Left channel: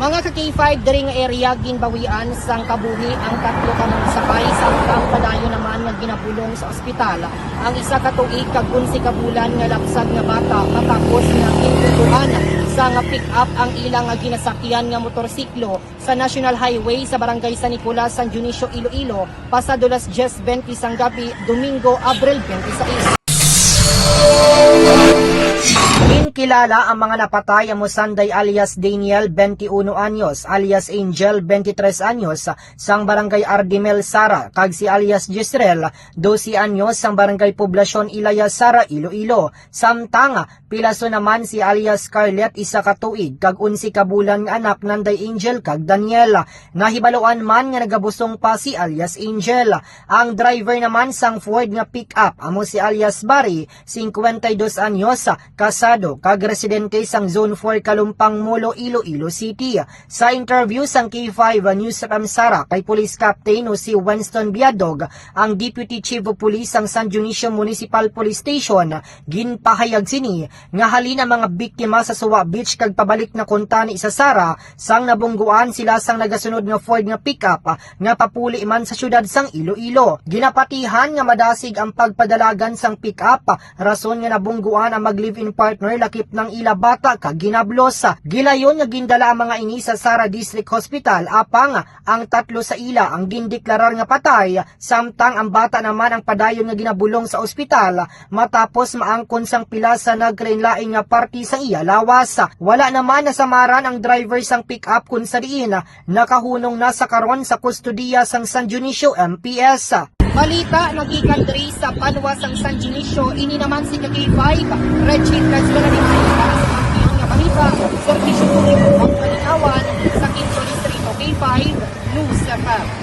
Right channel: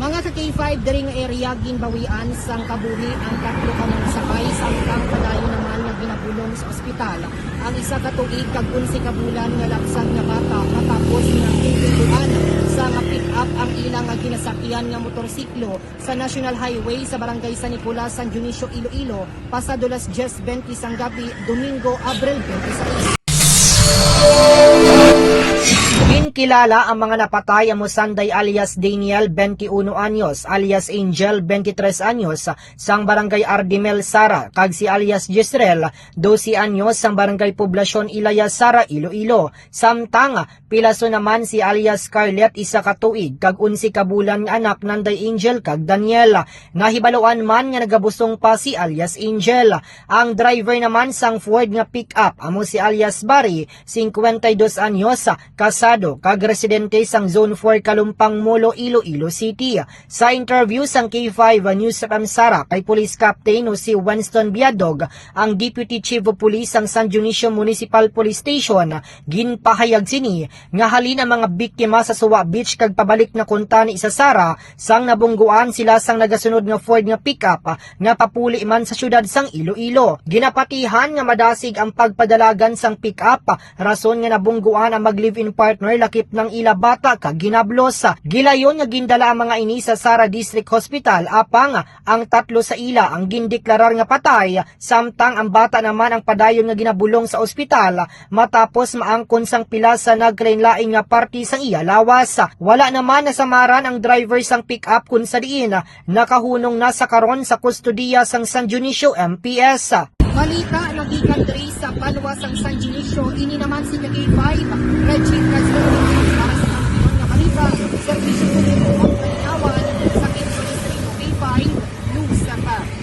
Mga ka K5 diri nga area ginbawian sang kabuhi ang tatlo ka mga sakay samtang padayo naman nga ginabulong sa ospital. Ang isa ka tuig kag 11 ka bulan nga lapsag nga bata matapos nga kintutuan sa nga pick up ang ilang nga ginasakyan nga motorsiklo sa National Highway sa Barangay San Nicolas, San Dionisio, Iloilo pasado las 10:20 sang gabi, Domingo, Abril 26. Kilala ang mga napatay ang Musanday alias Daniel, 21 anyos, alias Angel, 23 anyos, sang barangay Ardimel, Sara, kag si alias Gisrel, 12 anyos, sang barangay Poblasyon Ilaya, Sara, Iloilo. Samtang pilaso naman si alias Scarlett, isa ka tuig, kag 11 ka bulan nga anak nanday Angel kag Daniel. Nahibaluan man nga nagabusong pa si alias Angel. Ang driver naman sang Ford nga pick-up amo si alias Barry, 52 anyos, kasado kag residente sang Zone 4 Kalumpang Molo, Iloilo City. Sa interview sang K5 News sa Kamsara kay Police Captain o si Winston Biadog, ang Deputy Chief of Police sang San Dionisio Municipal Police Station, ginpahayag sini nga halin ang mga biktima sa Suwa Beach kag pabalik na kuntani sa Sara sang nabungguan sila sang nagasunod nga Ford nga pickup nga papuli man sa syudad sang Iloilo. Ginapatihan nga madasig ang pagpadalagan sang pickup rason nga nabungguan ang mag-live-in partner lakip ng ila bata kag ginablos. Gilayon nga gindala ang mga ini sa Sara District Hospital apang ang tatlo sa ila ang gindeklarar nga patay samtang ang bata naman ang padayon nga ginabulong sa ospital matapos maangkon sang pila sa naglain-laing nga party sa iya lawas. Wala naman nasamaran ang driver sang pick-up kun sa diin nakahunong na sa karon sa kustodiya sang San Dionisio MPS. Balita nagikan diri sa Panwa sang San Dionisio, ini naman si K5 Reggie Traslola para sa mga balita, serbisyo publiko ang kalinawan sa Quinto Distrito. K5 News FM.